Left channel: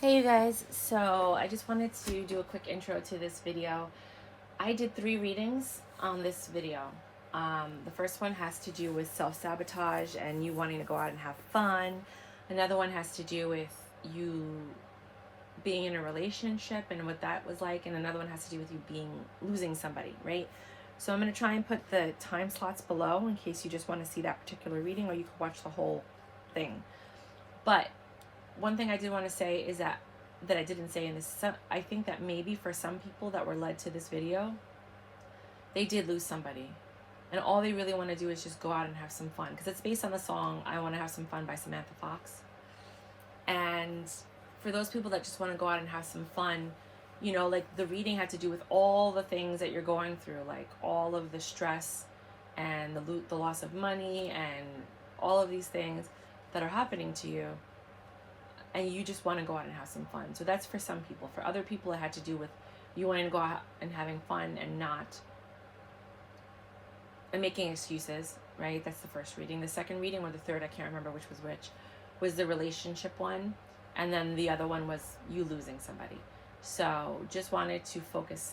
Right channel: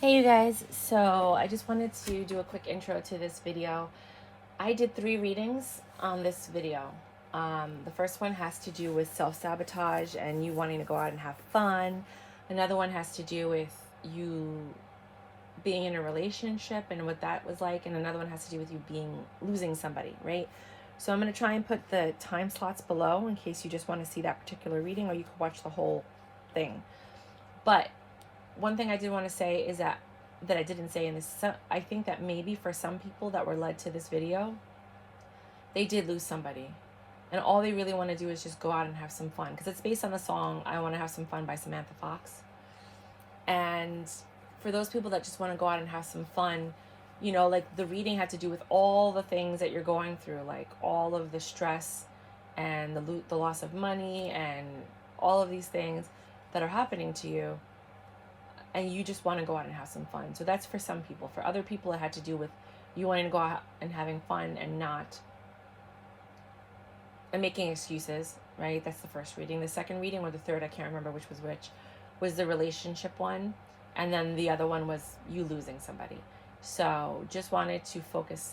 Hey you guys, so I just wanted to do a quick intro to this video. I did 3 readings on this video. The first one has to do with self-sabotage and you wanting to go out and have fun. Another one has to do with you being in a relationship and what that was like, and another one has to do with you losing somebody, right? So I'm going to try and put the time slots below in case you just want to see that particular reading, or you can watch the whole thing. But one thing I did want to say is that I didn't say in this, I think that maybe for some people that were led to this video, they did lose somebody. And all they really want to do is just go out and have some fun. Because it's based on the song I Want to Have Some Fun by Samatha Fox. And for those people that just want to go out and have some fun, you know, like the reading had to do with all the things that you're going through, like all of the stress and the loss of money and all of these things that are happening to you, and you just want to go out and have some fun. So that's for some people. For other people, it had to do with you wanting to go out and having fun and making excuses, right? That's the first reading. The second reading, or the third, I can't remember which, was the relationship one. And then the other one was you losing somebody. So just wanted to focus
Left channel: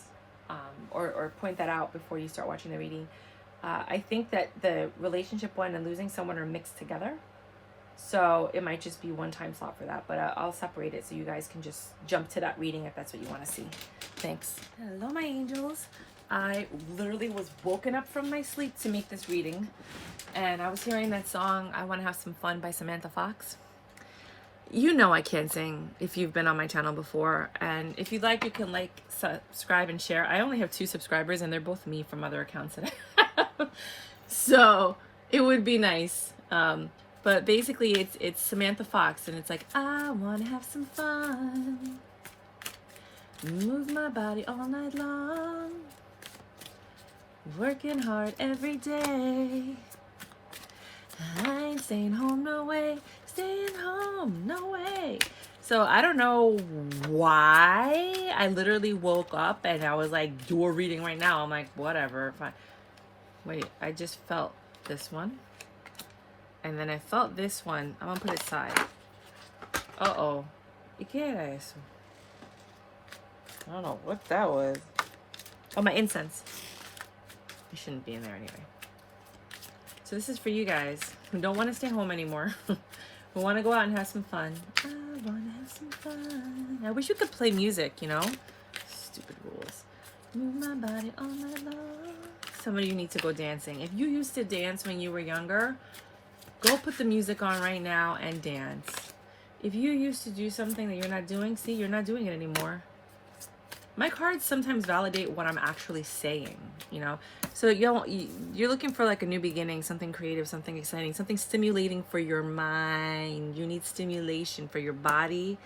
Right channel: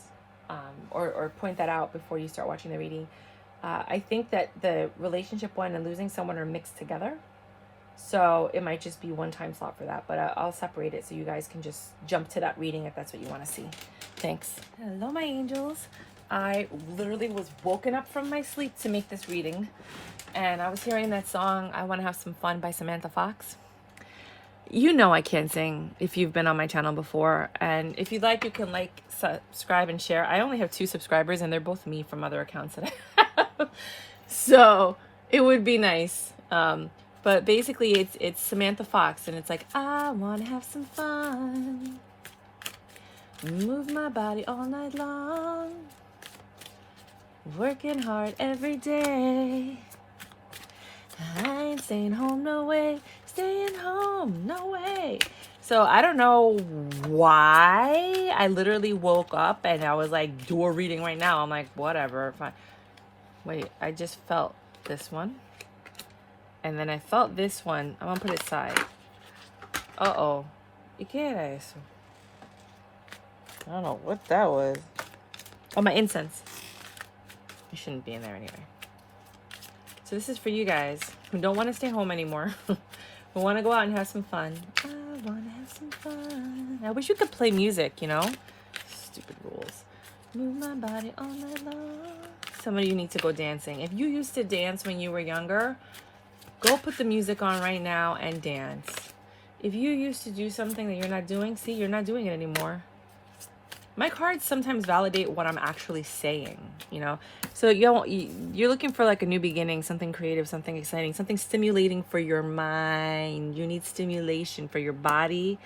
or point that out before you start watching the reading. I think that the relationship one and losing someone are mixed together. So it might just be one time slot for that, but I'll separate it so you guys can just jump to that reading if that's what you want to see. Thanks. Hello, my angels. I literally was woken up from my sleep to make this reading, and I was hearing that song, I Want to Have Some Fun by Samatha Fox. You know I can't sing if you've been on my channel before, and if you'd like, you can like, subscribe, and share. I only have 2 subscribers, and they're both me from other accounts that I have. So it would be nice. But basically, it's Samatha Fox, and it's like, I want to have some fun, move my body all night long, working hard every day. I ain't staying home, no way, staying home, no way. So I don't know why I literally woke up and I was like, do a reading right now. I'm like, whatever, fine. Wait, I just felt this one. And then I felt this one. I'm gonna put it aside. Uh-oh. ¿Y qué era eso? I don't know what that was. Oh, my incense. It shouldn't be in there anyway. So this is for you guys who don't want to stay home anymore. Who want to go out and have some fun. I want to have some fun. I wish you could play music, you know? Stupid rules. Move my body all night long. Some of you need to go dancing. If you used to dance when you were younger, go put the music on right now and dance. If you used to do something that you're not doing, see, you're not doing it anymore. My cards sometimes validate what I'm actually saying, you know? So you're looking for like a new beginning, something creative, something exciting, something stimulating for your mind. You need stimulation for your body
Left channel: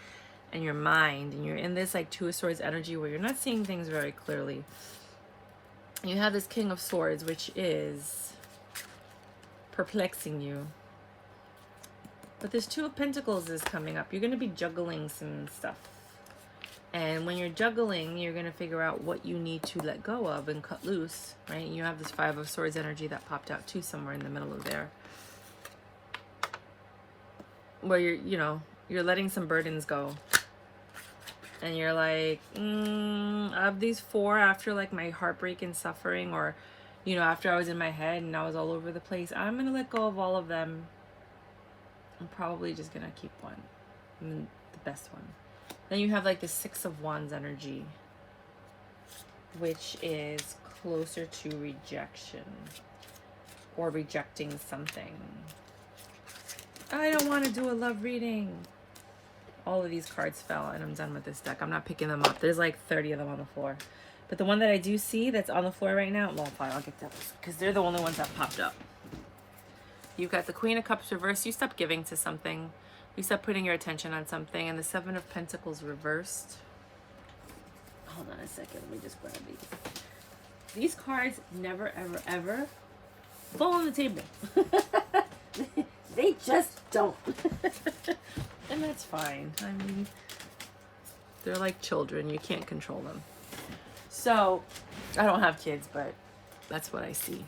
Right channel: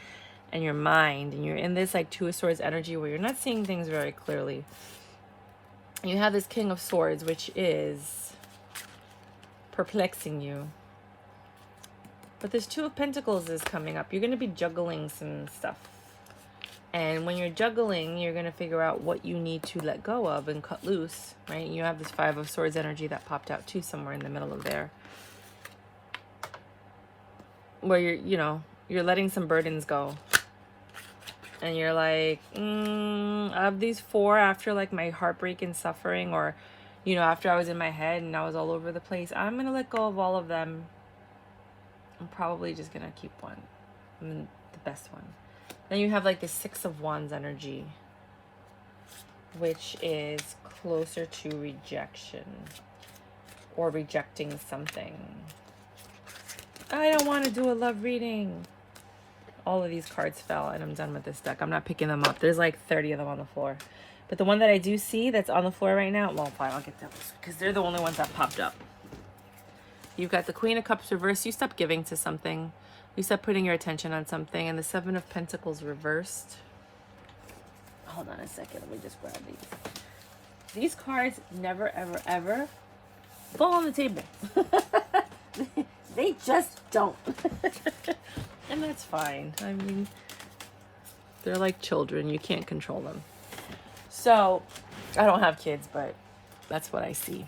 and your mind. And you're in this like 2 of Swords energy where you're not seeing things very clearly. You have this King of Swords, which is perplexing you. But this 2 of Pentacles is coming up. You're going to be juggling some stuff. And when you're juggling, you're going to figure out what you need to let go of and cut loose, right? You have this 5 of Swords energy that popped out too somewhere in the middle of there. Where you're letting some burdens go. And you're like, of these 4, after like my heartbreak and suffering, or, you know, after I was in my head and I was all over the place, I'm going to let go of all of them. I'm probably just going to keep one. The best one. Then you have like the 6 of Wands energy, which is closer to rejection or rejecting something. I don't want to do a love reading. All of these cards fell and I'm done with this deck. I'm not picking them up. There's like 30 of them on the floor. But the one that I do see that's on the floor right now, well, fine, I'll get those because they're the only ones that popped up. You've got the Queen of Cups reversed. You stop giving to something. You stop putting your attention on something. And the 7 of Pentacles reversed. Hold on a second. Let me just grab these. These cards never, ever, ever fall on the table. They just don't. And that's fine. I mean, they're like children. You can't control them. So, I don't have kids, but that's what I see.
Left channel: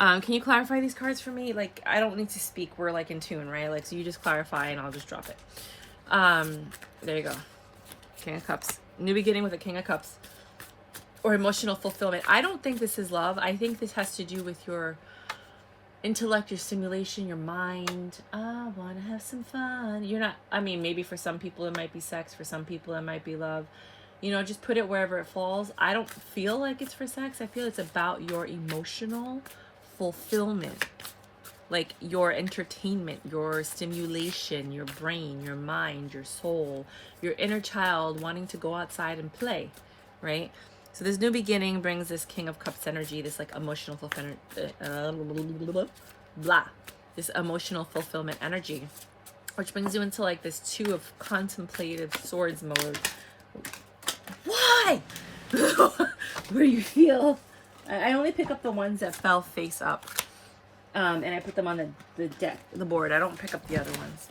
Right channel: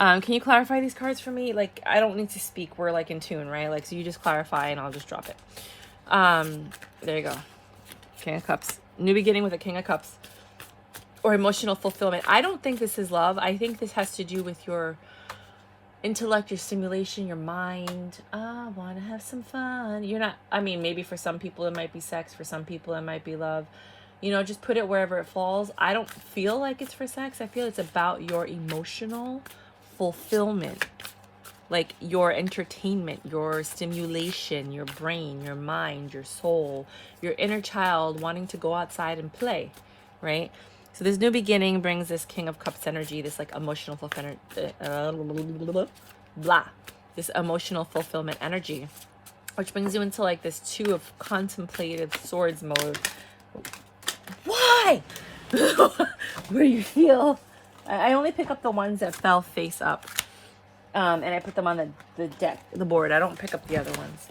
Can you clarify these cards for me? Like, I don't need to speak. We're like in tune, right? Like, so you just clarify and I'll just drop it. There you go. King of Cups. New beginning with a King of Cups. Or emotional fulfillment. I don't think this is love. I think this has to do with your intellect, your stimulation, your mind. I want to have some fun. You're not, I mean, maybe for some people it might be sex. For some people it might be love. You know, just put it wherever it falls. I don't feel like it's for sex. I feel it's about your emotional fulfillment. Like your entertainment, your stimulation, your brain, your mind, your soul, your inner child wanting to go outside and play, right? So this new beginning brings this King of Cups energy, this like emotional fulfillment, this emotional fulfillment energy, which brings you into like this Two of Contemplative Swords mode. Why? Where you feel, I only pick up the ones that fell face up. And I put them on the deck, the board. I don't pick up the other ones.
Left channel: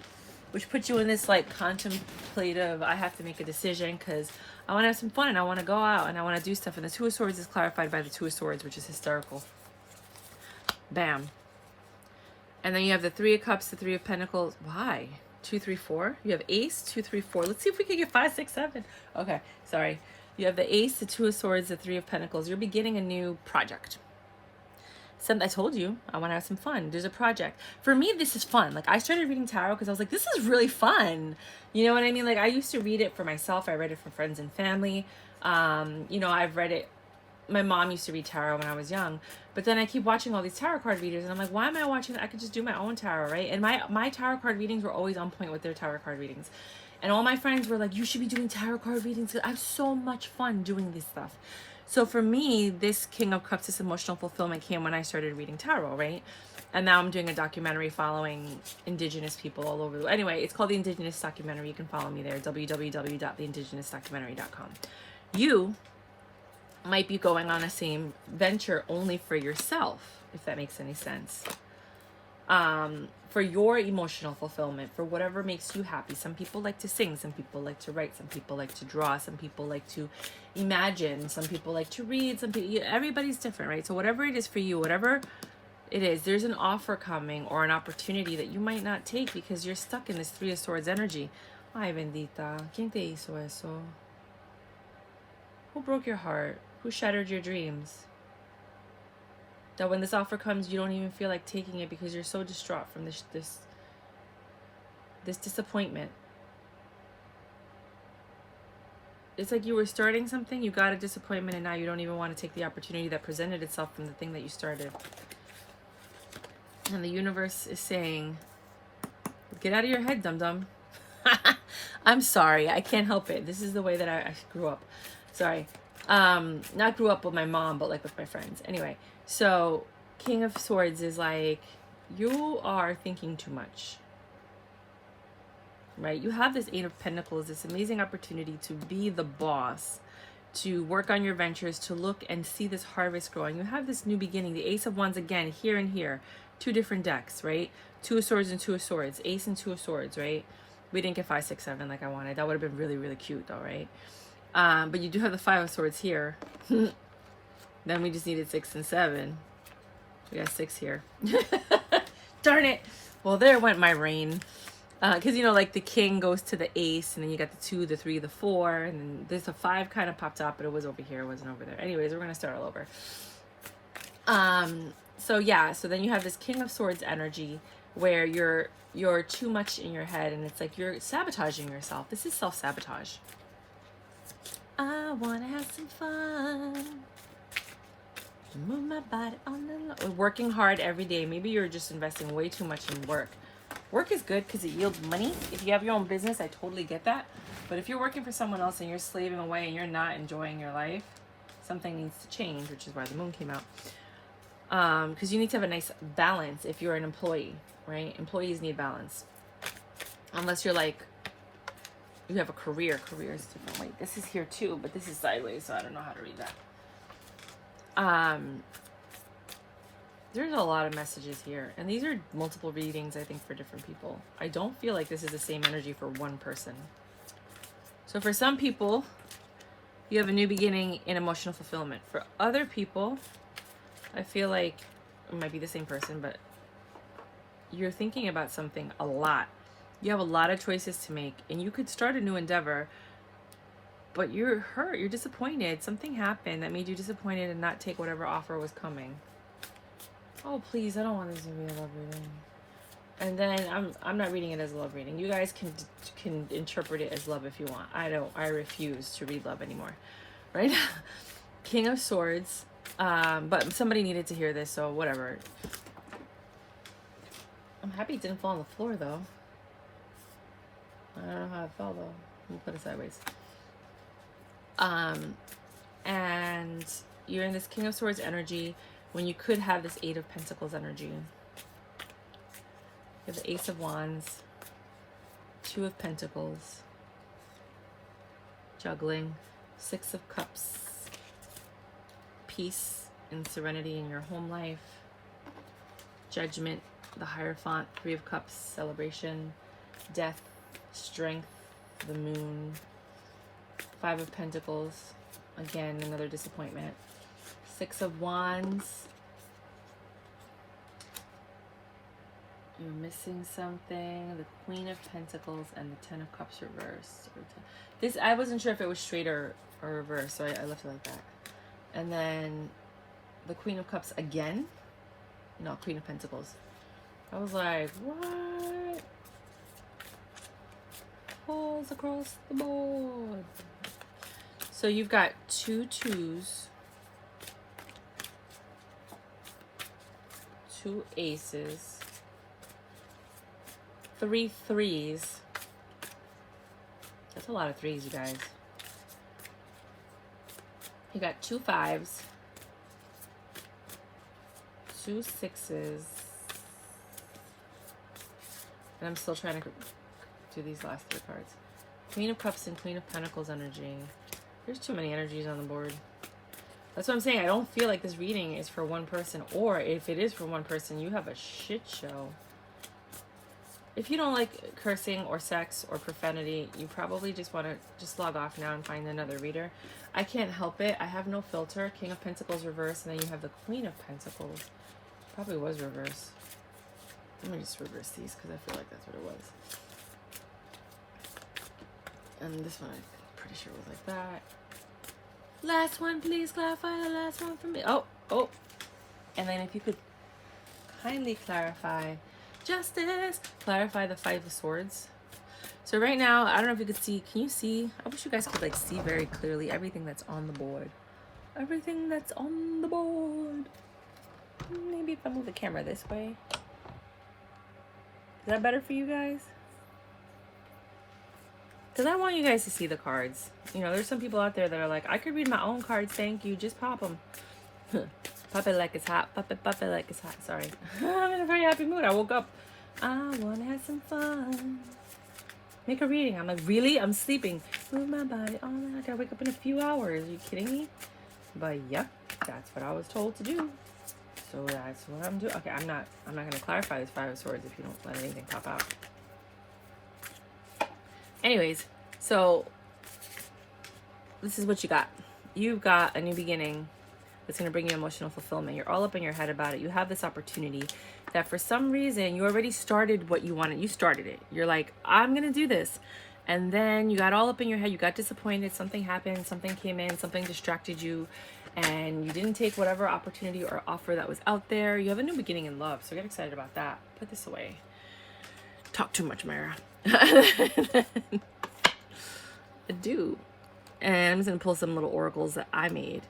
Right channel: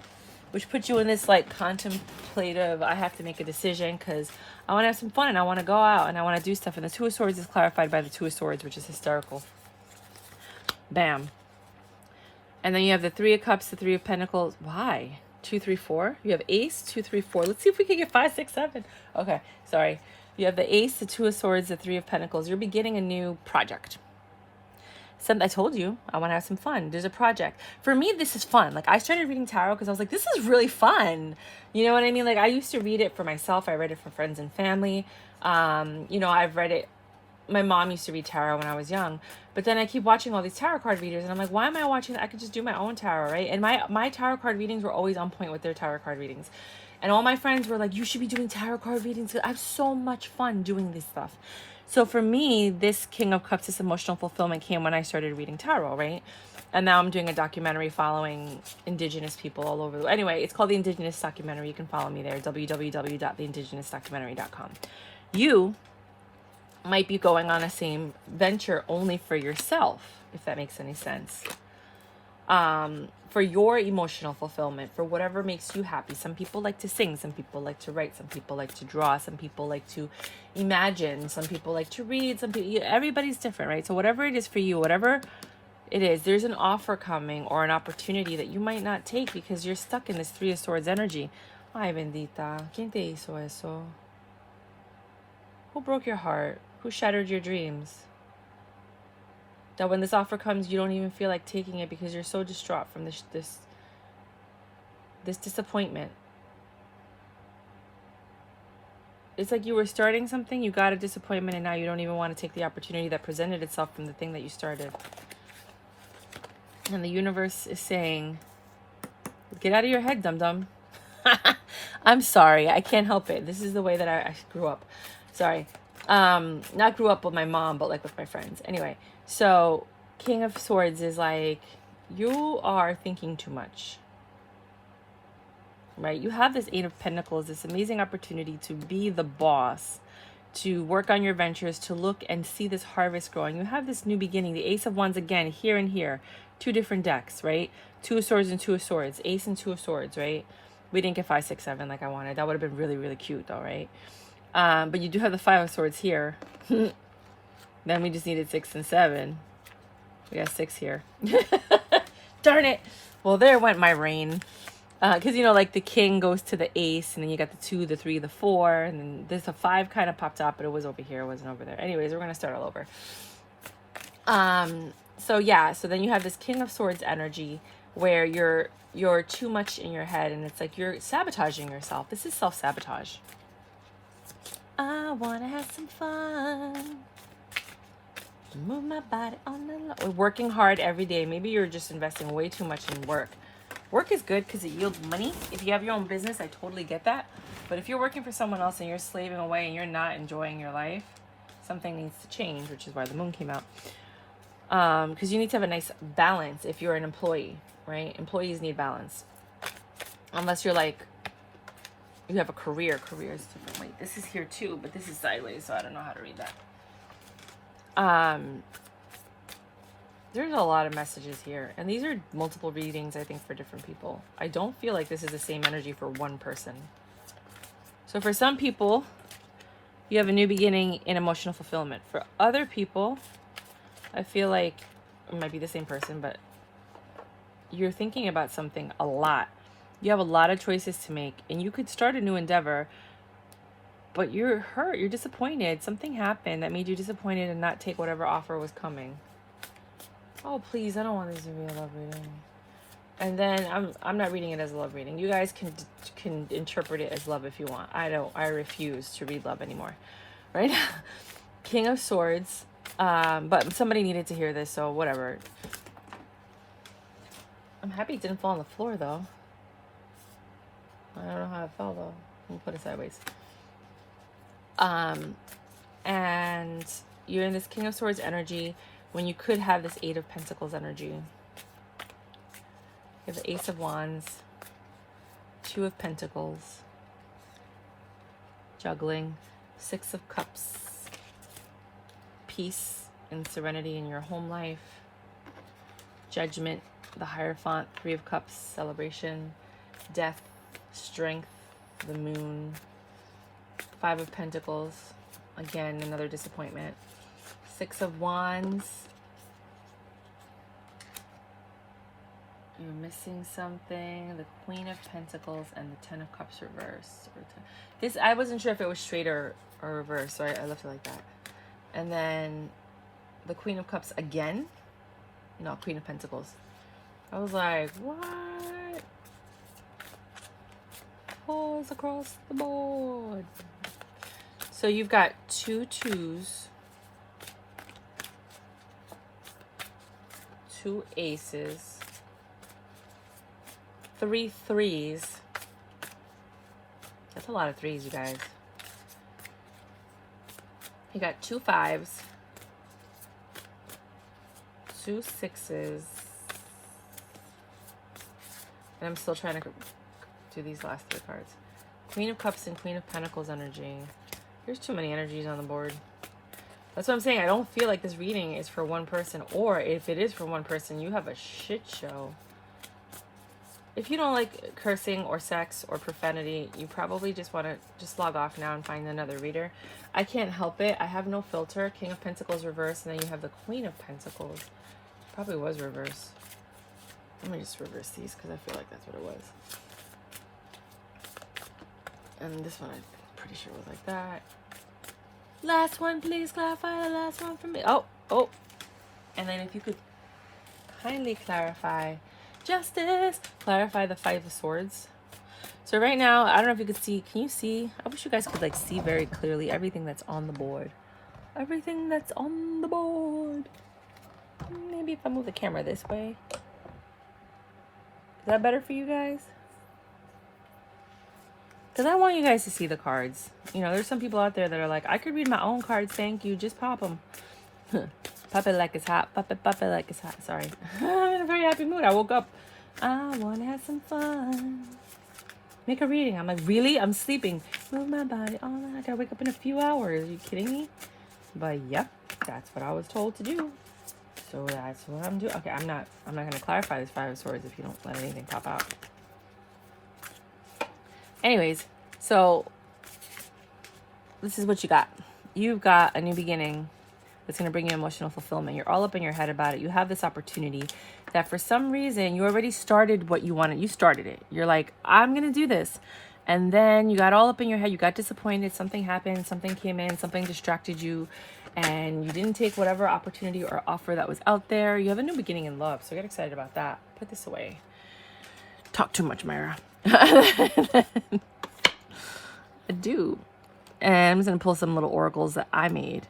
Which puts you in this like contemplative, I have to make a decision because I want to have some fun and I want to go out and I want to do stuff. And the Two of Swords is clarified by the Two of Swords, which is hysterical. Bam. And then you have the Three of Cups, the Three of Pentacles. Why? 2, 3, 4. You have Ace, 2, 3, 4. Let's see if we can get 5, 6, 7. Okay, sorry. You have the Ace, the Two of Swords, the Three of Pentacles. You're beginning a new project. I told you, I want to have some fun. There's a project. For me, this is fun. Like, I started reading tarot because I was like, this is really fun. You know what I mean? Like, I used to read it for myself. I read it for friends and family. You know, I've read it. My mom used to read tarot when I was young. But then I keep watching all these tarot card readers. And I'm like, why am I watching that? I could just do my own tarot, right? And my tarot card readings were always on point with their tarot card readings. And all my friends were like, you should be doing tarot card readings. I have so much fun doing this stuff. So for me, this King of Cups, this emotional fulfillment came when I started reading tarot, right? And now I'm doing a documentary following Indigenous people all over. Anyway, it's called The Indigenous Documentary. You can follow me there, www.theindigenousdocumentary.com. You might be going on the same venture only for yourself, if that makes any sense. For your emotional fulfillment, for whatever makes you happy. Some people like to sing, some people like to write, some people like to draw, some people like to imagine, some people like to read, some people, everybody's different, right? So whatever it is for you, whatever it is, there's an offer coming or an opportunity that you might not take because you're stuck in this Three of Swords energy. Ay, bendita. ¿Quién te hizo eso? Who broke your heart? Who shattered your dreams? That when this offer comes, you don't even feel like taking it because you're so distraught from this disappointment. It's like you were starting something, you got a disappointment, and now you don't even want to take the opportunity that presented itself from the thing that you started. And the universe is saying, get out of your head, dum-dum. I'm sorry, I can't help it. This is the way that I grew up. Sorry. Not grew up with my mom, but like with my friends. Anyway, so King of Swords is like, you are thinking too much, right? You have this Eight of Pentacles, this amazing opportunity to be the boss, to work on your ventures, to look and see this harvest growing. You have this new beginning, the Ace of Wands again, here and here, two different decks, right? Two of Swords and Two of Swords, Ace and Two of Swords, right? We didn't get 5, 6, 7 like I wanted. That would have been really, really cute though, right? But you do have the Five of Swords here. Then we just needed 6 and 7. We got 6 here. Darn it. Well, there went my rain. Because, you know, like the king goes to the ace, and then you got the 2, the 3, the 4, and then there's a 5 kind of popped up, but it was over here. It wasn't over there. Anyways, we're going to start all over. So, yeah. So then you have this King of Swords energy where you're too much in your head, and it's like you're sabotaging yourself. This is self-sabotage. I want to have some fun. Move my body on the low. Working hard every day. Maybe you're just investing way too much in work. Work is good because it yields money. If you have your own business, I totally get that. But if you're working for someone else and you're slaving away and you're not enjoying your life, something needs to change, which is why the moon came out. Because you need to have a nice balance if you're an employee, right? Employees need balance. Unless you're like, you have a career. Career is different. Wait, this is here too, but this is sideways, so I don't know how to read that. There's a lot of messages here, and these are multiple readings, I think, for different people. I don't feel like this is the same energy for one person. So for some people, you have a new beginning in emotional fulfillment. For other people, I feel like it might be the same person, but you're thinking about something a lot. You have a lot of choices to make, and you could start a new endeavor, but you're hurt, you're disappointed. Something happened that made you disappointed and not take whatever offer was coming. Oh, please, I don't want this to be a love reading. And then I'm not reading it as a love reading. You guys can interpret it as love if you want. I refuse to read love anymore. Right? King of Swords. But somebody needed to hear this, so whatever. I'm happy it didn't fall on the floor, though. I don't know how it fell, though. We'll put it sideways. And you're in this King of Swords energy when you could have this Eight of Pentacles energy. You have the Ace of Wands, Two of Pentacles, juggling, Six of Cups, peace and serenity in your home life, Judgment, the Hierophant, Three of Cups, celebration, death, strength, the Moon, Five of Pentacles, again, another disappointment, Six of Wands, you're missing something, the Queen of Pentacles, and the Ten of Cups reversed. This, I wasn't sure if it was straight or reversed, so I left it like that. And then the Queen of Cups again. No, Queen of Pentacles. I was like, what? Falls across the board. So you've got 2 2s, 2 aces, 3 3s. That's a lot of 3s, you guys. You got 2 5s, 2 6s, and I'm still trying to do these last 3 cards. Queen of Cups and Queen of Pentacles energy. There's too many energies on the board. That's what I'm saying. I don't feel like this reading is for one person, or if it is for one person, you have a shit show. If you don't like cursing or sex or profanity, you probably just want to just log off now and find another reader. I can't help it. I have no filter. King of Pentacles reverse, and then you have the Queen of Pentacles. Probably was reverse. Let me just reverse these because I feel like that's what it was. And this one I'm pretty sure was like that. Last one, please clarify the last one for me. Oh. And then if you could kindly clarify justice, clarify the Five of Swords. So right now, I don't know if you could see. Can you see? I wish you guys could like see very clearly everything that's on the board. Everything that's on the board. Maybe if I move the camera this way. Is that better for you guys? Because I want you guys to see the cards. You know, there's some people out there that are like, I could read my own cards, thank you, just pop them. Pop it like it's hot, pop it like it's hot. Sorry. I'm in a very happy mood. I woke up. I want to have some fun. Make a reading. I'm like, really? I'm sleeping. Move my body. Oh, I gotta wake up in a few hours. Are you kidding me? But yep, that's what I was told to do. So that's what I'm doing. Okay, I'm not gonna clarify this Five of Swords if you don't let anything pop out. Anyways, so this is what you got. You've got a new beginning that's going to bring you emotional fulfillment. You're all up in your head about it. You have this opportunity that for some reason you already started what you wanted. You started it. You're like, I'm going to do this. And then you got all up in your head. You got disappointed. Something happened. Something came in. Something distracted you. And you didn't take whatever opportunity or offer that was out there. You have a new beginning in love. So get excited about that. Put this away. Talk too much, Myra. I do. And I'm just going to pull some little oracles that I made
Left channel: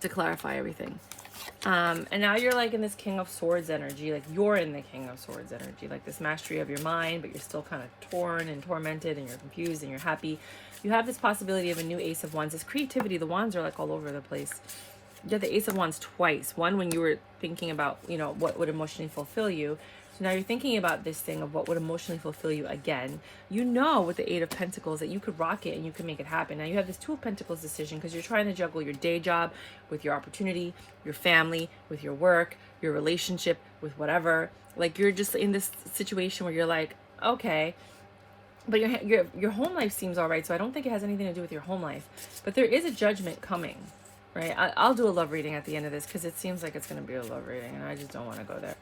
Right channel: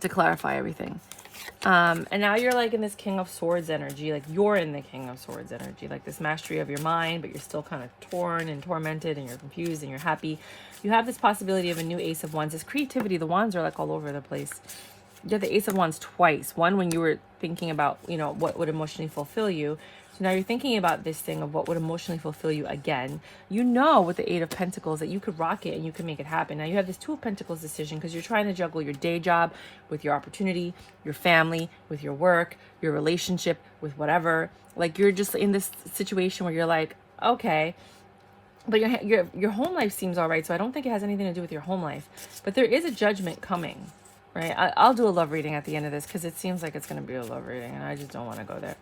to clarify everything. And now you're like in this King of Swords energy. Like you're in the King of Swords energy. Like this mastery of your mind, but you're still kind of torn and tormented and you're confused and you're happy. You have this possibility of a new Ace of Wands. This creativity, the wands are like all over the place. You have the Ace of Wands twice. One when you were thinking about, you know, what would emotionally fulfill you. So now you're thinking about this thing of what would emotionally fulfill you again. You know with the Eight of Pentacles that you could rock it and you could make it happen. Now you have this Two of Pentacles decision because you're trying to juggle your day job with your opportunity, your family, with your work, your relationship, with whatever. Like you're just in this situation where you're like, okay, but your home life seems all right. So I don't think it has anything to do with your home life. But there is a judgment coming, right? I'll do a love reading at the end of this because it seems like it's going to be a love reading and I just don't want to go there.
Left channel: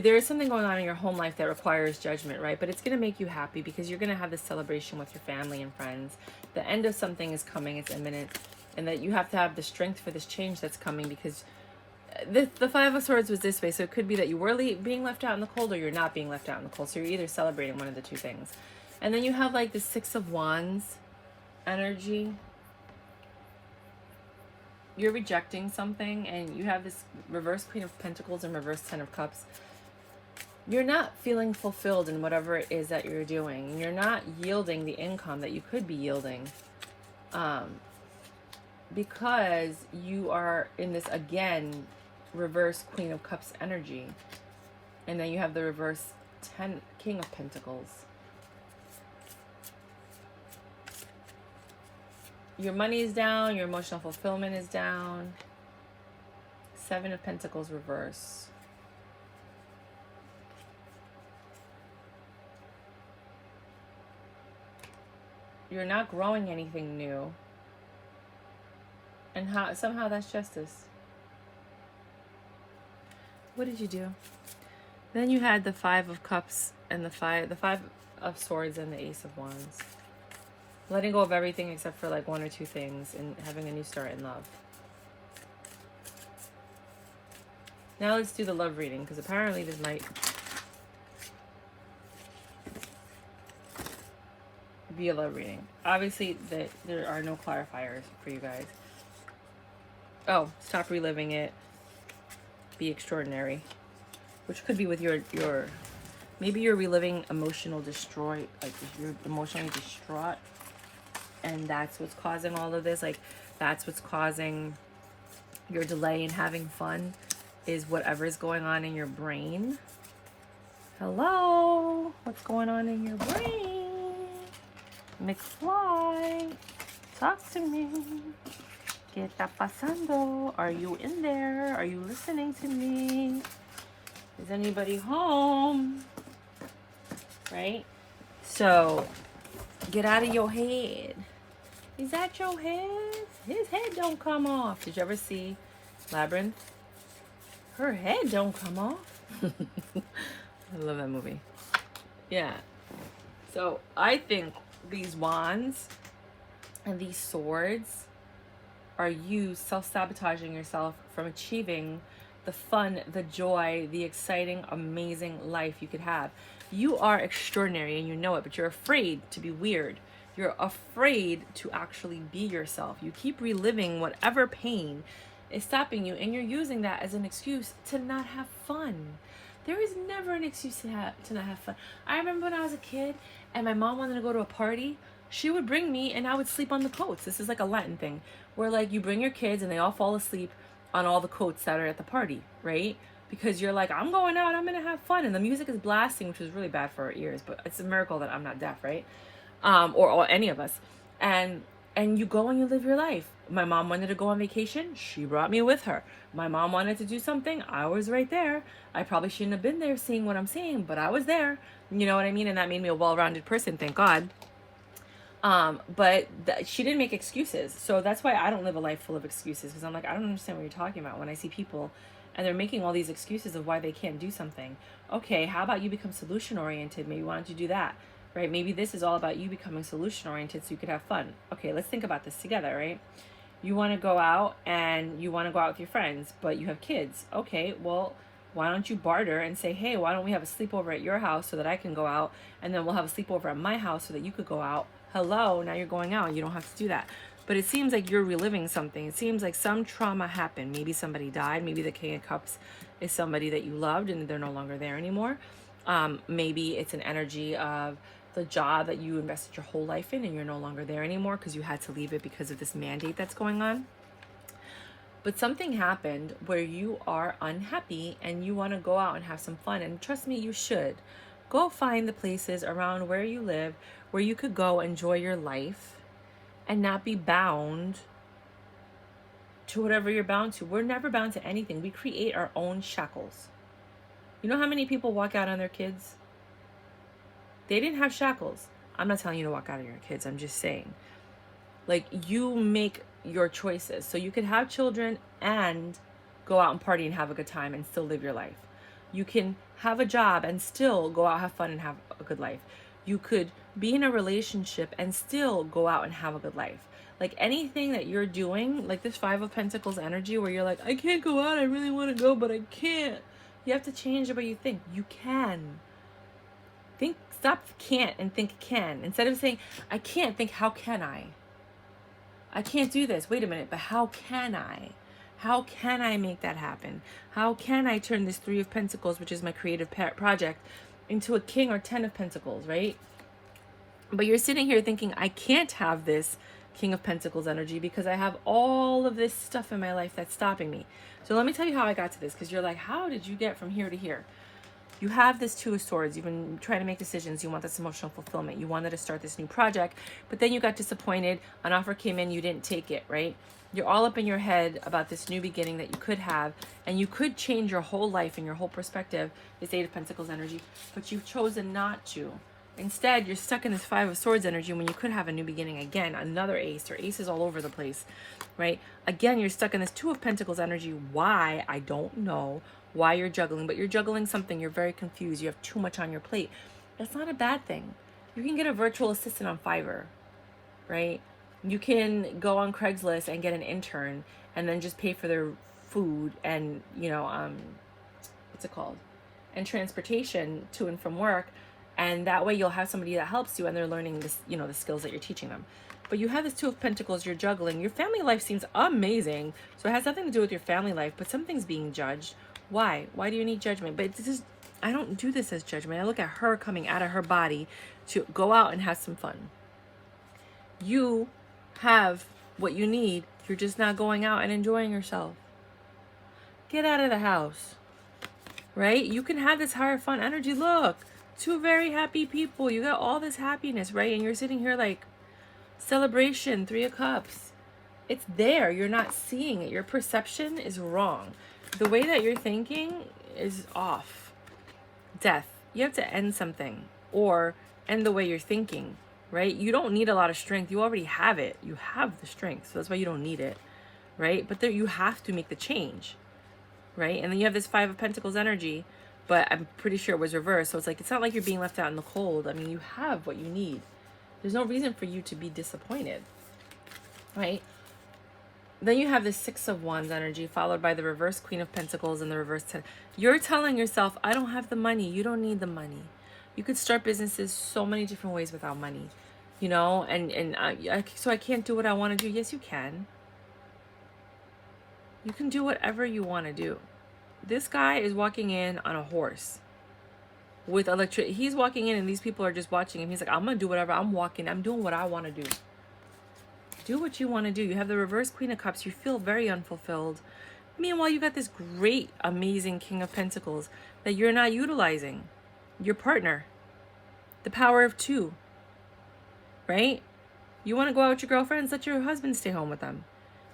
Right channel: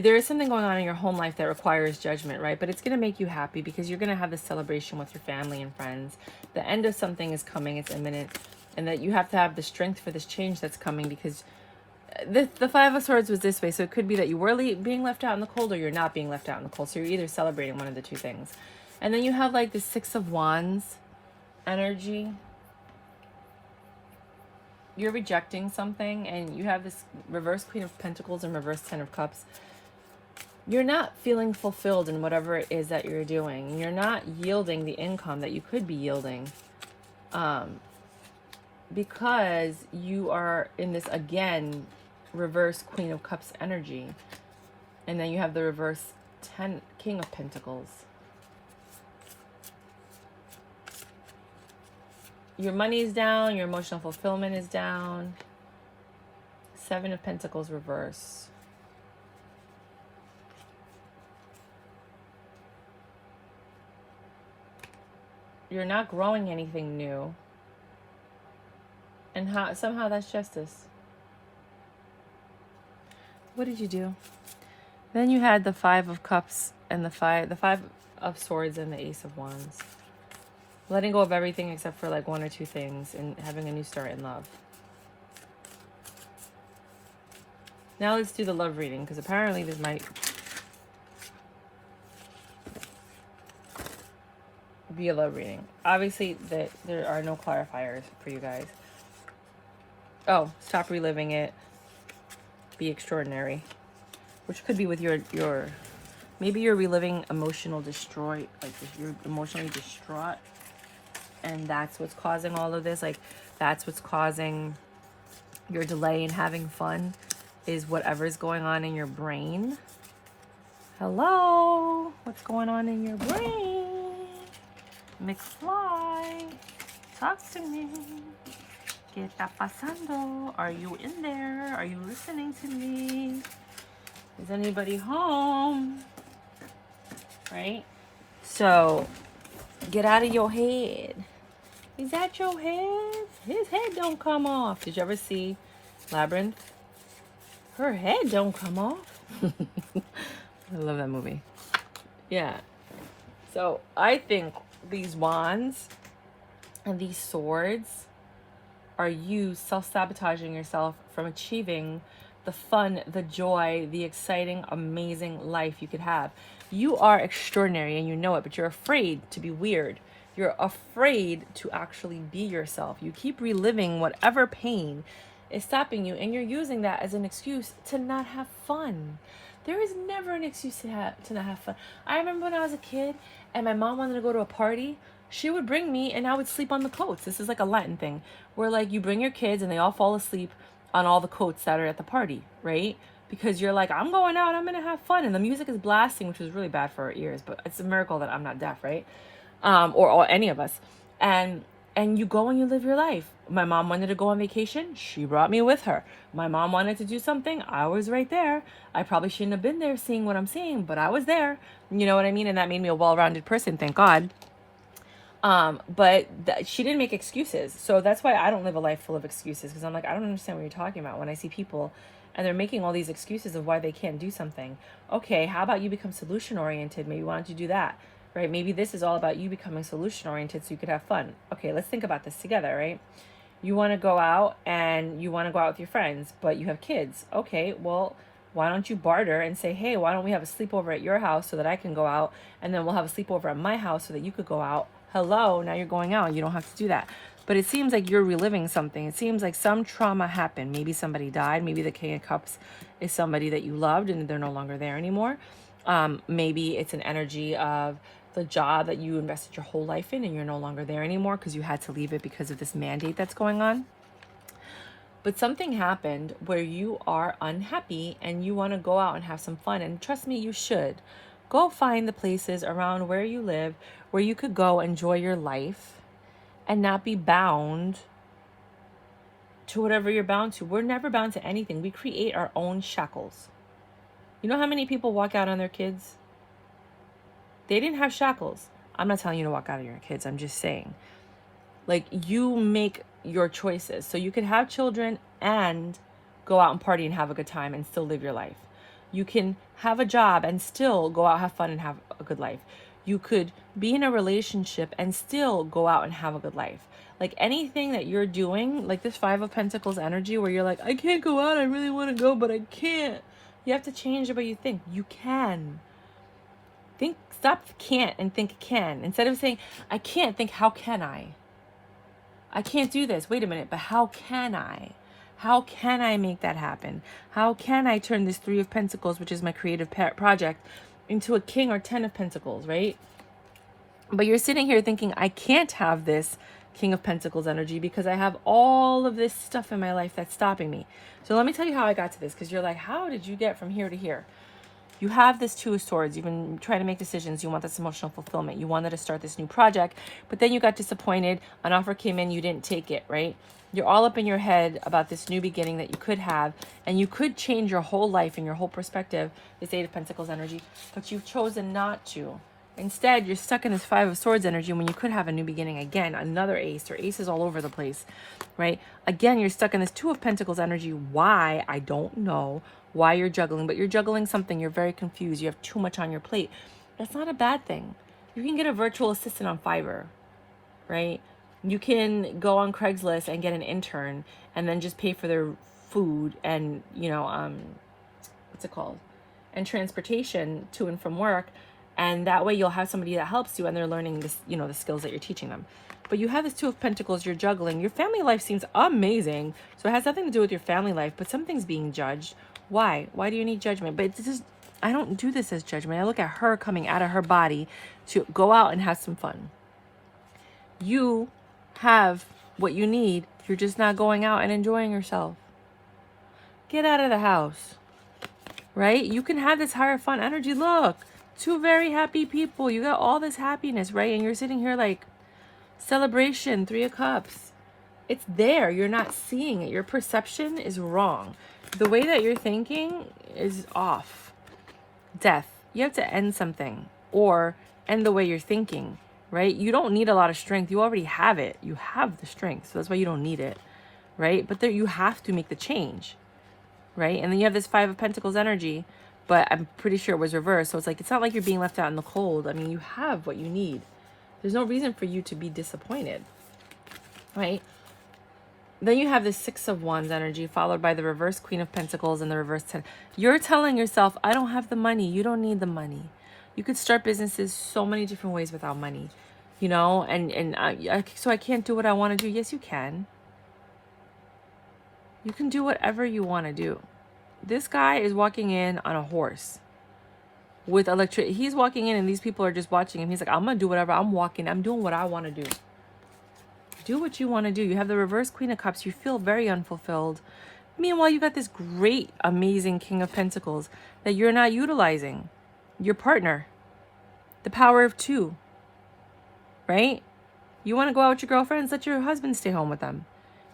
there is something going on in your home life that requires judgment, right? But it's going to make you happy because you're going to have this celebration with your family and friends. The end of something is coming, it's imminent, and that you have to have the strength for this change that's coming, because the Five of Swords was this way. So it could be that you were being left out in the cold, or you're not being left out in the cold. So you're either celebrating one of the two things. And then you have like the Six of Wands energy. You're rejecting something, and you have this reverse Queen of Pentacles and reverse Ten of Cups. You're not feeling fulfilled in whatever it is that you're doing. You're not yielding the income that you could be yielding, because you are in this, again, reverse Queen of Cups energy. And then you have the reverse King of Pentacles. Your money is down. Your emotional fulfillment is down. Seven of Pentacles reverse. You're not growing anything new. And somehow that's justice. What did you do? Then you had the Five of Cups and the Five of Swords and the Ace of Wands. Letting go of everything except for like one or two things, and having a new start in love. Now let's do the love reading, because apparently this might be a love reading. Obviously there are no clarifiers for you guys. Oh, stop reliving it. Be extraordinary. Which could be with your maybe you're reliving emotional destroy, like you're emotionally distraught, and that's what's causing all of this. Like that's what's causing your delay in having fun, is whatever's going on in your brain. Hello, what's going on in your brain? McFly, talk to me. ¿Qué está pasando? Are you in there? Are you listening to me? Is anybody home? Right? So, get out of your head. Is that your head? His head don't come off. Did you ever see Labyrinth? Her head don't come off. I love that movie. Yeah. So, I think these wands and these swords are you self-sabotaging yourself from achieving the fun, the joy, the exciting, amazing life you could have. You are extraordinary and you know it, but you're afraid to be weird. You're afraid to actually be yourself. You keep reliving whatever pain is stopping you, and you're using that as an excuse to not have fun. There is never an excuse to not have fun. I remember when I was a kid and my mom wanted to go to a party, she would bring me and I would sleep on the coats. This is like a Latin thing where like you bring your kids and they all fall asleep on all the coats that are at the party, right? Because you're like, I'm going out, I'm gonna have fun, and the music is blasting, which is really bad for our ears, but it's a miracle that I'm not deaf, right? Or any of us. And you go and you live your life. My mom wanted to go on vacation, she brought me with her. My mom wanted to do something, I was right there. I probably shouldn't have been there seeing what I'm seeing, but I was there. You know what I mean? And that made me a well-rounded person, thank God. But she didn't make excuses. So that's why I don't live a life full of excuses, because I'm like, I don't understand what you're talking about. When I see people and they're making all these excuses of why they can't do something. Okay, how about you become solution oriented? Maybe why don't you do that, right? Maybe this is all about you becoming solution oriented so you could have fun. Okay, let's think about this together, right? You want to go out and you want to go out with your friends, but you have kids. Okay, well, why don't you barter and say, hey, why don't we have a sleepover at your house so that I can go out, and then we'll have a sleepover at my house so that you could go out. Hello, now you're going out. You don't have to do that. But it seems like you're reliving something. It seems like some trauma happened. Maybe somebody died. Maybe the King of Cups is somebody that you loved and they're no longer there anymore. Maybe it's an energy of the job that you invested your whole life in and you're no longer there anymore because you had to leave it because of this mandate that's going on. But something happened where you are unhappy and you want to go out and have some fun. And trust me, you should. Go find the places around where you live where you could go enjoy your life and not be bound to whatever you're bound to. We're never bound to anything. We create our own shackles. You know how many people walk out on their kids? They didn't have shackles. I'm not telling you to walk out on your kids. I'm just saying, like, you make your choices. So you can have children and go out and party and have a good time and still live your life. You can have a job and still go out, have fun, and have a good life. You could be in a relationship and still go out and have a good life. Like anything that you're doing, like this Five of Pentacles energy where you're like, I can't go out, I really want to go, but I can't. You have to change the way you think. You can. Think, stop can't and think can. Instead of saying, I can't, think, how can I? I can't do this. Wait a minute, but how can I? How can I make that happen? How can I turn this Three of Pentacles, which is my creative project, into a King or 10 of Pentacles, right? But you're sitting here thinking, I can't have this King of Pentacles energy because I have all of this stuff in my life that's stopping me. So let me tell you how I got to this, because you're like, how did you get from here to here? You have this Two of Swords. You've been trying to make decisions. You want this emotional fulfillment. You wanted to start this new project, but then you got disappointed. An offer came in, you didn't take it, right? You're all up in your head about this new beginning that you could have, and you could change your whole life and your whole perspective, this Eight of Pentacles energy, but you've chosen not to. Instead, you're stuck in this Five of Swords energy when you could have a new beginning. Again, another ace, or aces all over the place, right? Again, you're stuck in this Two of Pentacles energy. Why? I don't know why you're juggling, but you're juggling something. You're very confused. You have too much on your plate. That's not a bad thing. You can get a virtual assistant on Fiverr, right? You can go on Craigslist and get an intern and then just pay for their food and, what's it called? And transportation to and from work. And that way you'll have somebody that helps you and they're learning this, the skills that you're teaching them. But you have this Two of Pentacles, you're juggling. Your family life seems amazing. So it has nothing to do with your family life, but something's being judged. Why? Why do you need judgment? But this is, I don't do this as judgment. I look at her coming out of her body to go out and have some fun. You have what you need. You're just not going out and enjoying yourself. Get out of the house, right? You can have this higher fun energy. Look, two very happy people. You got all this happiness, right? And you're sitting here like, celebration, Three of Cups. It's there. You're not seeing it. Your perception is wrong. The way that you're thinking is off. Death. You have to end something or end the way you're thinking, right? You don't need a lot of strength. You already have it. You have the strength. So that's why you don't need it, right? But there, you have to make the change, right? And then you have this Five of Pentacles energy, but I'm pretty sure it was reversed. So it's like, it's not like you're being left out in the cold. I mean, you have what you need. There's no reason for you to be disappointed, right? Then you have the Six of Wands energy, followed by the reverse Queen of Pentacles and the reverse 10. You're telling yourself, I don't have the money. You don't need the money. You could start businesses so many different ways without money, so I can't do what I want to do. Yes, you can. You can do whatever you want to do. This guy is walking in on a horse with electricity. He's walking in and these people are just watching him. He's like, I'm going to do whatever. I'm doing what I want to do. Do what you want to do. You have the reverse Queen of Cups. You feel very unfulfilled. Meanwhile, you got this great, amazing King of Pentacles that you're not utilizing. Your partner. The power of two. Right? You want to go out with your girlfriends? Let your husband stay home with them.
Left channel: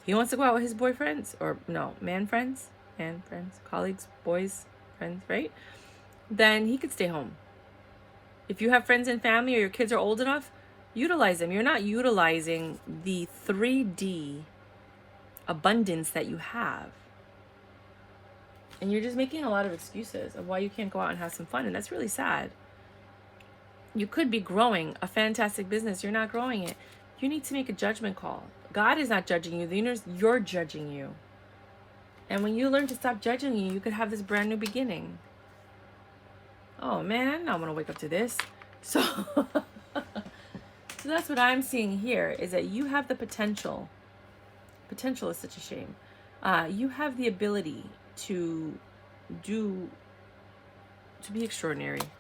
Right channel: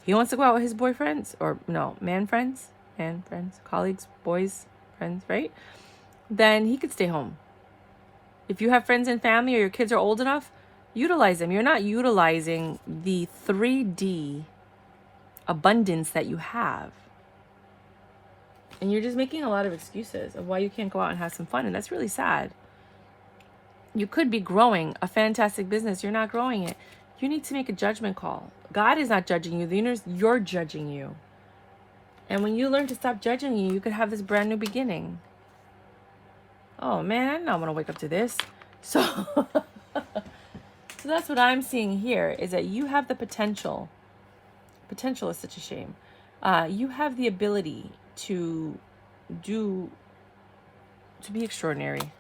He wants to go out with his boyfriends. Or, no, man friends, colleagues, boys, friends, right? Then he could stay home. If you have friends and family or your kids are old enough, utilize them. You're not utilizing the 3D abundance that you have. And you're just making a lot of excuses of why you can't go out and have some fun. And that's really sad. You could be growing a fantastic business. You're not growing it. You need to make a judgment call. God is not judging you. The universe, you're judging you. And when you learn to stop judging you, you could have this brand new beginning. Oh man, I don't want to wake up to this. So that's what I'm seeing here, is that you have the potential. Potential is such a shame. You have the ability to be extraordinary.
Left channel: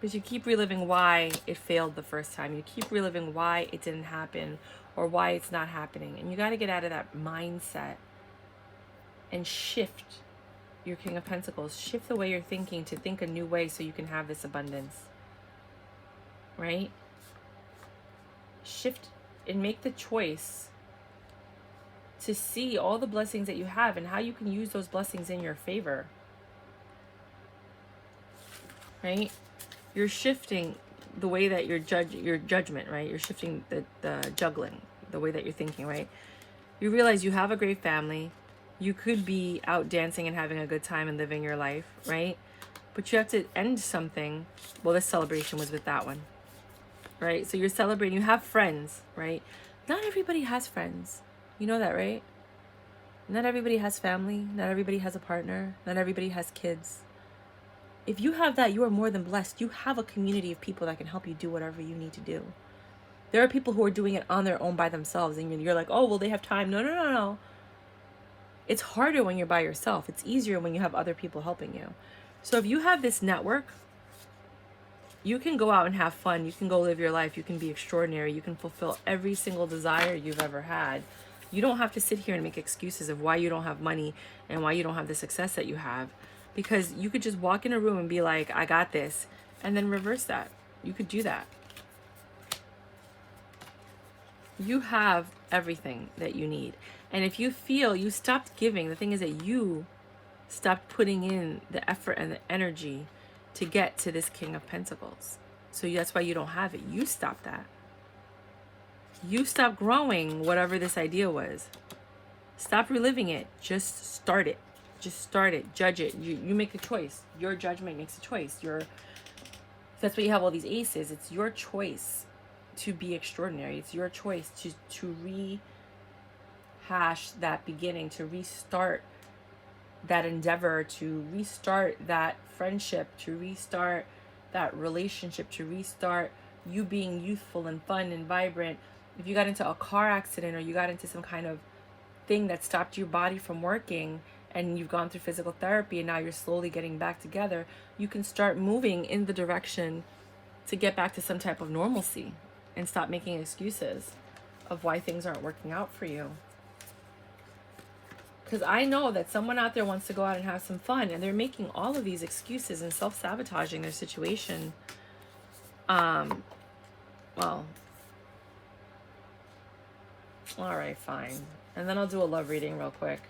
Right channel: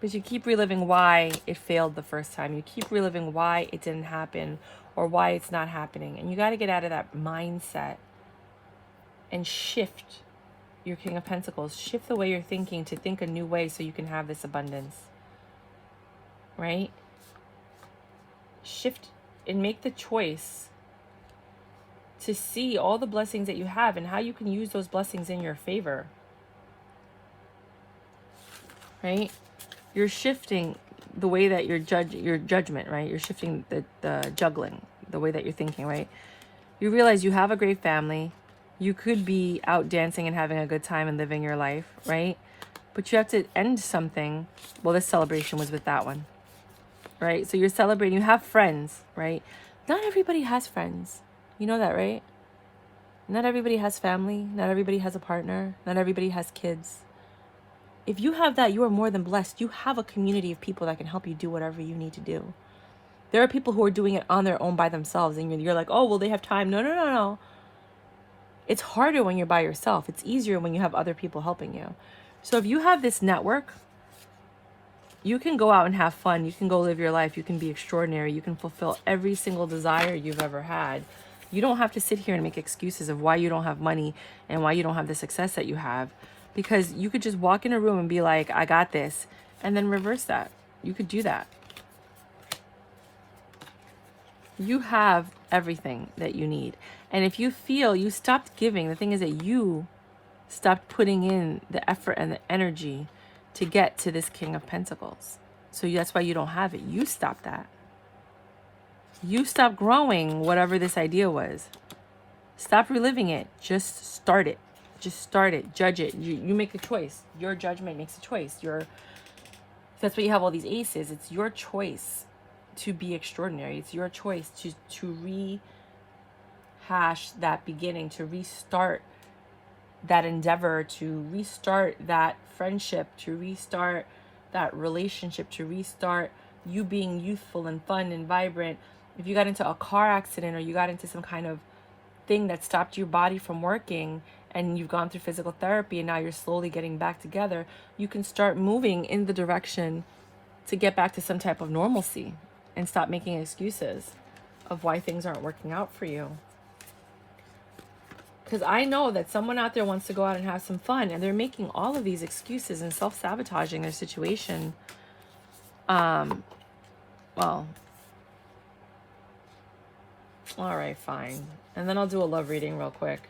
But you keep reliving why it failed the first time. You keep reliving why it didn't happen or why it's not happening. And you got to get out of that mindset and shift your King of Pentacles. Shift the way you're thinking to think a new way so you can have this abundance. Right? Shift and make the choice to see all the blessings that you have and how you can use those blessings in your favor. Right? You're shifting the way that your judgment, right? You're shifting the juggling, the way that you're thinking, right? You realize you have a great family. You could be out dancing and having a good time and living your life, right? But you have to end something. Well, this celebration was with that one, right? So you're celebrating, you have friends, right? Not everybody has friends. You know that, right? Not everybody has family. Not everybody has a partner. Not everybody has kids. If you have that, you are more than blessed. You have a community of people that can help you do whatever you need to do. There are people who are doing it on their own by themselves, and you're like, oh, well, they have time. No, no, no, no. It's harder when you're by yourself. It's easier when you have other people helping you. So if you have this network, you can go out and have fun. You can go live your life. You can be extraordinary. You can fulfill every single desire you've ever had. You don't have to sit here and make excuses of why you don't have money and why you don't have the success that you have, because you could just walk in a room and be like, I got this, and then reverse that. You could do that. You have everything that you need. And if you feel you stopped giving, the thing is that you stopped putting in the effort and the energy to get to this King of Pentacles. So that's why you don't have it. You stopped that. You stopped growing whatever this idea was. Stop reliving it. Just start it. Just start it. Judge it. You make a choice. Your judgment makes a choice. That's why you have all these aces. It's your choice to be extraordinary. It's your choice to rehash that beginning, to restart that endeavor, to restart that friendship, to restart that relationship, to restart you being youthful and fun and vibrant. If you got into a car accident or you got into some kind of thing that stopped your body from working and you've gone through physical therapy and now you're slowly getting back together, you can start moving in the direction to get back to some type of normalcy and stop making excuses of why things aren't working out for you. Because I know that someone out there wants to go out and have some fun, and they're making all of these excuses and self-sabotaging their situation. Well, all right, fine. And then I'll do a love reading real quick.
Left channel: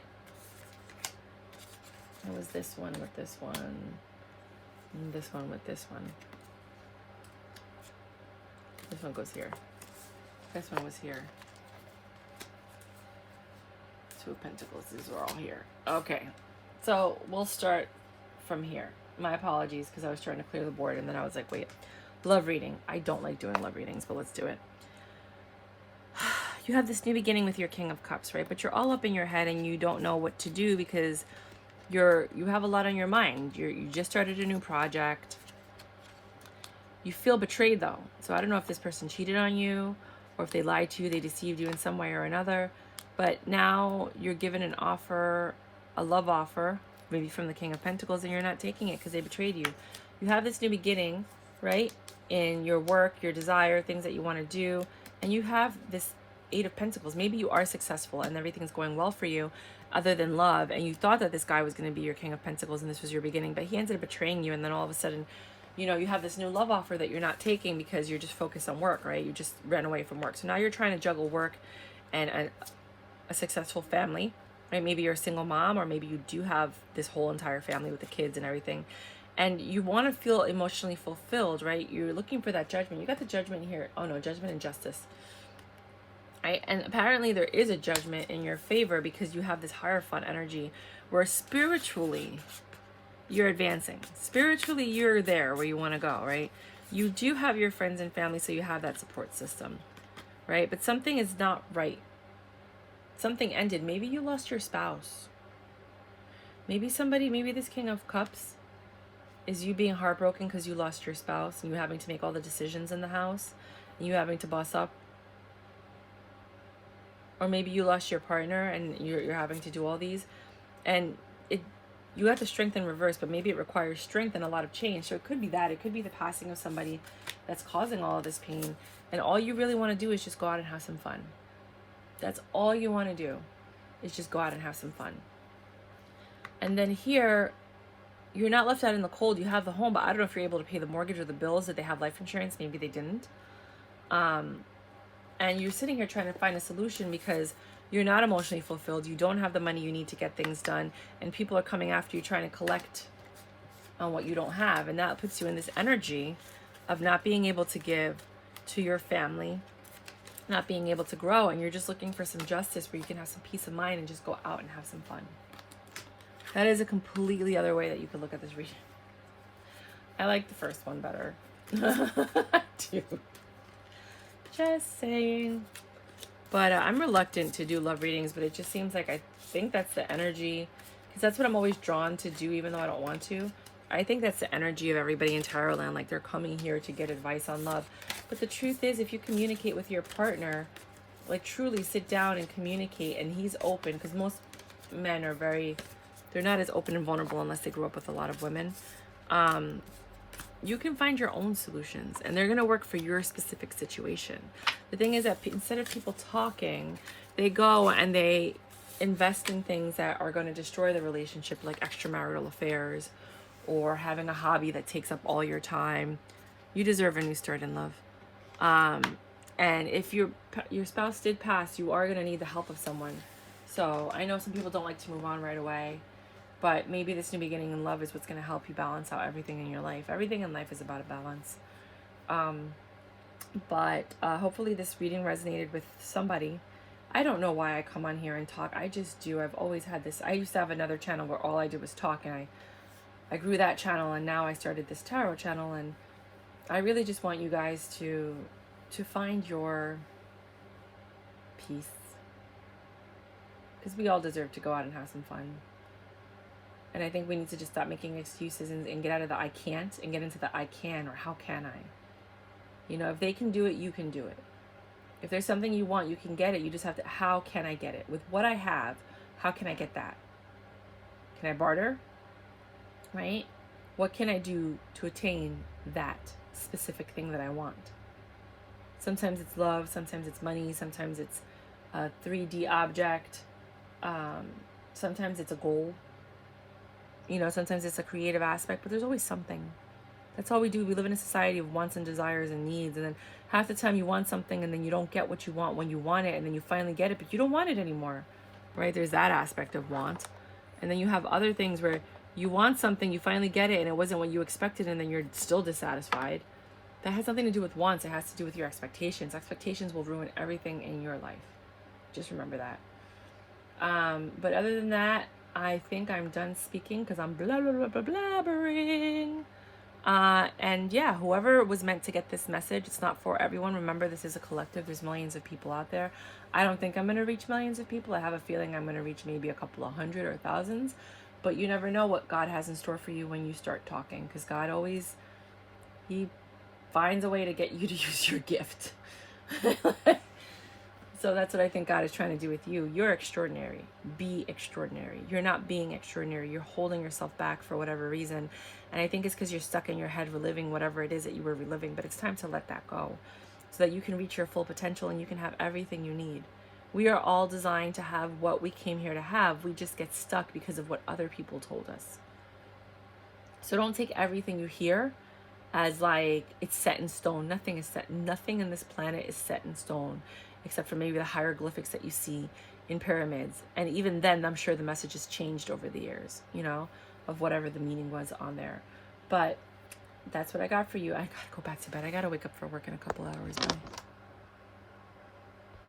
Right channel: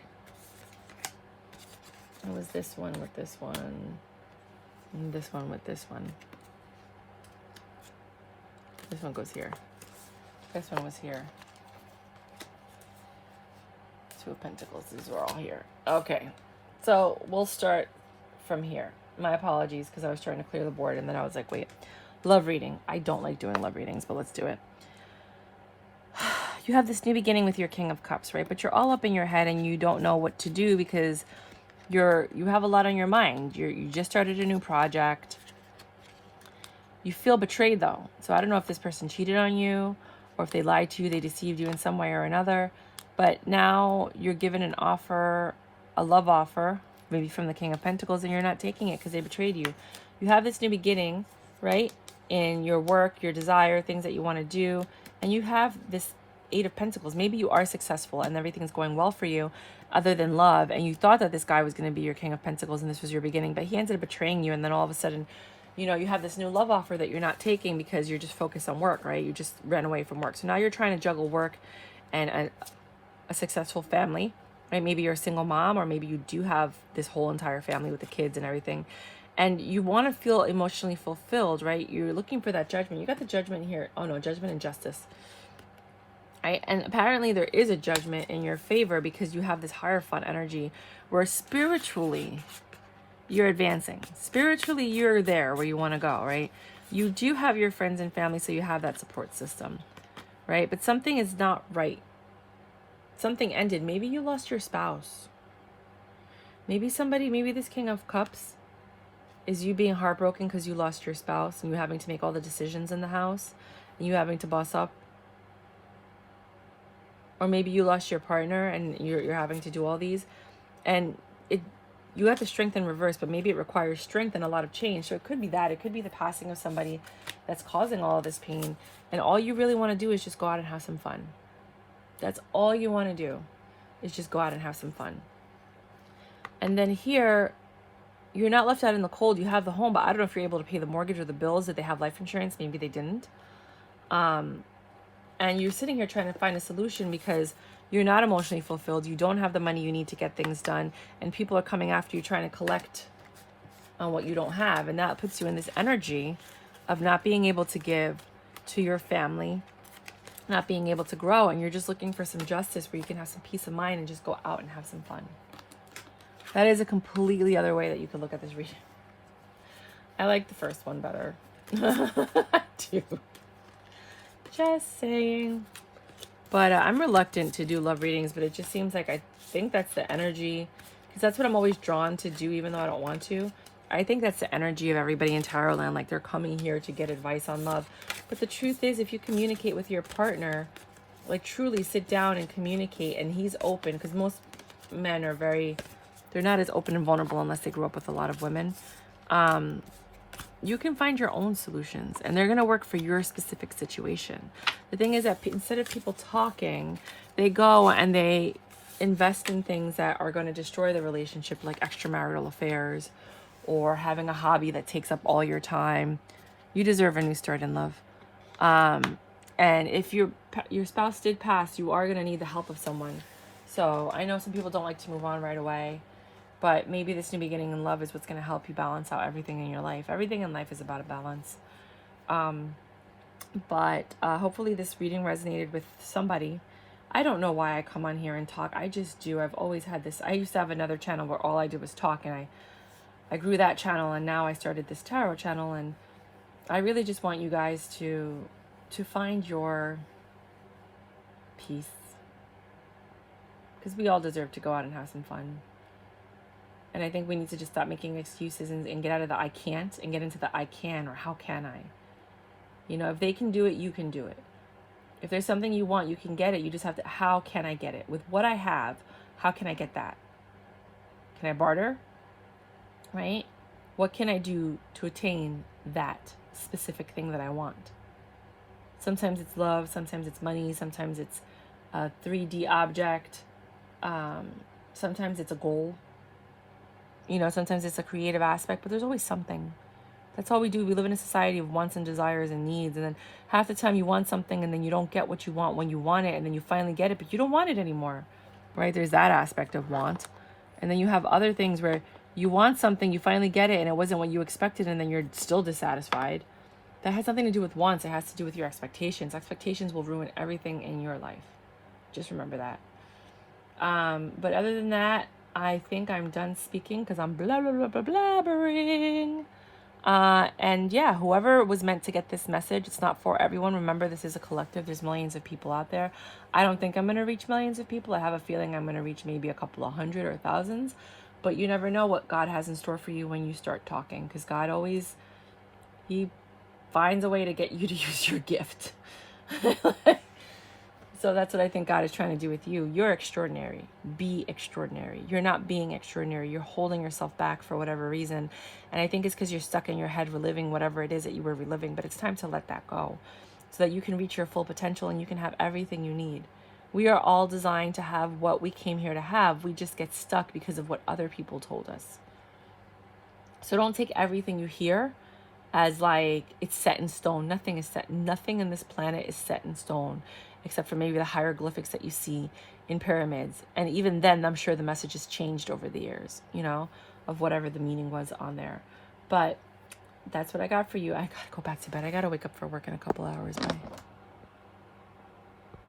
What was this one with this one? And this one with this one. This one goes here. This one was here. Two of Pentacles. These are all here. Okay. So we'll start from here. My apologies, because I was trying to clear the board and then I was like, wait. Love reading. I don't like doing love readings, but let's do it. You have this new beginning with your King of Cups, right? But you're all up in your head and you don't know what to do because you have a lot on your mind. You just started a new project. You feel betrayed though. So I don't know if this person cheated on you or if they lied to you, they deceived you in some way or another. But now you're given an offer, a love offer, maybe from the King of Pentacles, and you're not taking it because they betrayed you. You have this new beginning, right? In your work, your desire, things that you want to do. And you have this Eight of Pentacles. Maybe you are successful and everything's going well for you other than love. And you thought that this guy was going to be your King of Pentacles and this was your beginning. But he ended up betraying you. And then all of a sudden, you know, you have this new love offer that you're not taking because you're just focused on work, right? You just ran away from work. So now you're trying to juggle work and a successful family, right? Maybe you're a single mom, or maybe you do have this whole entire family with the kids and everything. And you want to feel emotionally fulfilled, right? You're looking for that judgment. You got the judgment here. Oh no, judgment and justice. Right? And apparently there is a judgment in your favor because you have this Hierophant energy where spiritually you're advancing. Spiritually you're there where you want to go, right? You do have your friends and family, so you have that support system, right? But something is not right. Something ended. Maybe you lost your spouse. Maybe this King of Cups is you being heartbroken because you lost your spouse and you having to make all the decisions in the house and you having to boss up. Or maybe you lost your partner and you're having to do all these. And you have the strength in reverse, but maybe it requires strength and a lot of change. So it could be that. It could be the passing of somebody that's causing all of this pain. And all you really want to do is just go out and have some fun. That's all you want to do is just go out and have some fun. And then here, you're not left out in the cold. You have the home, but I don't know if you're able to pay the mortgage or the bills. Did they have life insurance? Maybe they didn't. And you're sitting here trying to find a solution because you're not emotionally fulfilled. You don't have the money you need to get things done. And people are coming after you trying to collect on what you don't have. And that puts you in this energy of not being able to give to your family, not being able to grow, and you're just looking for some justice where you can have some peace of mind and just go out and have some fun. That is a completely other way that you could look at this reading. I like the first one better. I do. Just saying. But I'm reluctant to do love readings, but it just seems like I think that's the energy, because that's what I'm always drawn to do, even though I don't want to. I think that's the energy of everybody in Tarot land, like they're coming here to get advice on love. But the truth is, if you communicate with your partner, like truly sit down and communicate, and he's open, because most men are they're not as open and vulnerable unless they grew up with a lot of women. You can find your own solutions, and they're going to work for your specific situation. The thing is that instead of people talking, they go and they invest in things that are going to destroy the relationship, like extramarital affairs or having a hobby that takes up all your time. You deserve a new start in love. And if your spouse did pass, you are going to need the help of someone. So I know some people don't like to move on right away, but maybe this new beginning in love is what's going to help you balance out everything in your life. Everything in life is about a balance. But hopefully this reading resonated with somebody. I don't know why I come on here and talk. I just do. I've always had this. I used to have another channel where all I did was talk, and I grew that channel, and now I started this tarot channel, and I really just want you guys to find your peace, because we all deserve to go out and have some fun. And I think we need to just stop making excuses and get out of the I can't and get into the I can, or how can I. You know, if they can do it, you can do it. If there's something you want, you can get it. You just have to, how can I get it? With what I have, how can I get that? Can I barter? Right? What can I do to attain that specific thing that I want? Sometimes it's love, sometimes it's money, sometimes it's a 3D object, sometimes it's a goal. You know, sometimes it's a creative aspect, but there's always something. That's all we do. We live in a society of wants and desires and needs, and then half the time you want something and then you don't get what you want when you want it, and then you finally get it, but you don't want it anymore, right? There's that aspect of want. And then you have other things where you want something, you finally get it, and it wasn't what you expected, and then you're still dissatisfied. That has nothing to do with wants. It has to do with your expectations. Expectations will ruin everything in your life. Just remember that. But other than that, I think I'm done speaking because I'm blabbering. And yeah, whoever was meant to get this message, it's not for everyone. Remember, this is a collective. There's millions of people out there. I don't think I'm going to reach millions of people. I have a feeling I'm going to reach maybe a couple of hundred or thousands. But you never know what God has in store for you when you start talking, because God always, he finds a way to get you to use your gift. So that's what I think God is trying to do with you. You're extraordinary. Be extraordinary. You're not being extraordinary. You're holding yourself back for whatever reason. And I think it's because you're stuck in your head reliving whatever it is that you were reliving. But it's time to let that go so that you can reach your full potential and you can have everything you need. We are all designed to have what we came here to have. We just get stuck because of what other people told us. So don't take everything you hear as like it's set in stone. Nothing is set. Nothing in this planet is set in stone, except for maybe the hieroglyphics that you see in pyramids. And even then, I'm sure the message has changed over the years, you know, of whatever the meaning was on there. But that's what I got for you. I gotta go back to bed. I gotta wake up for work in a couple hours. Bye.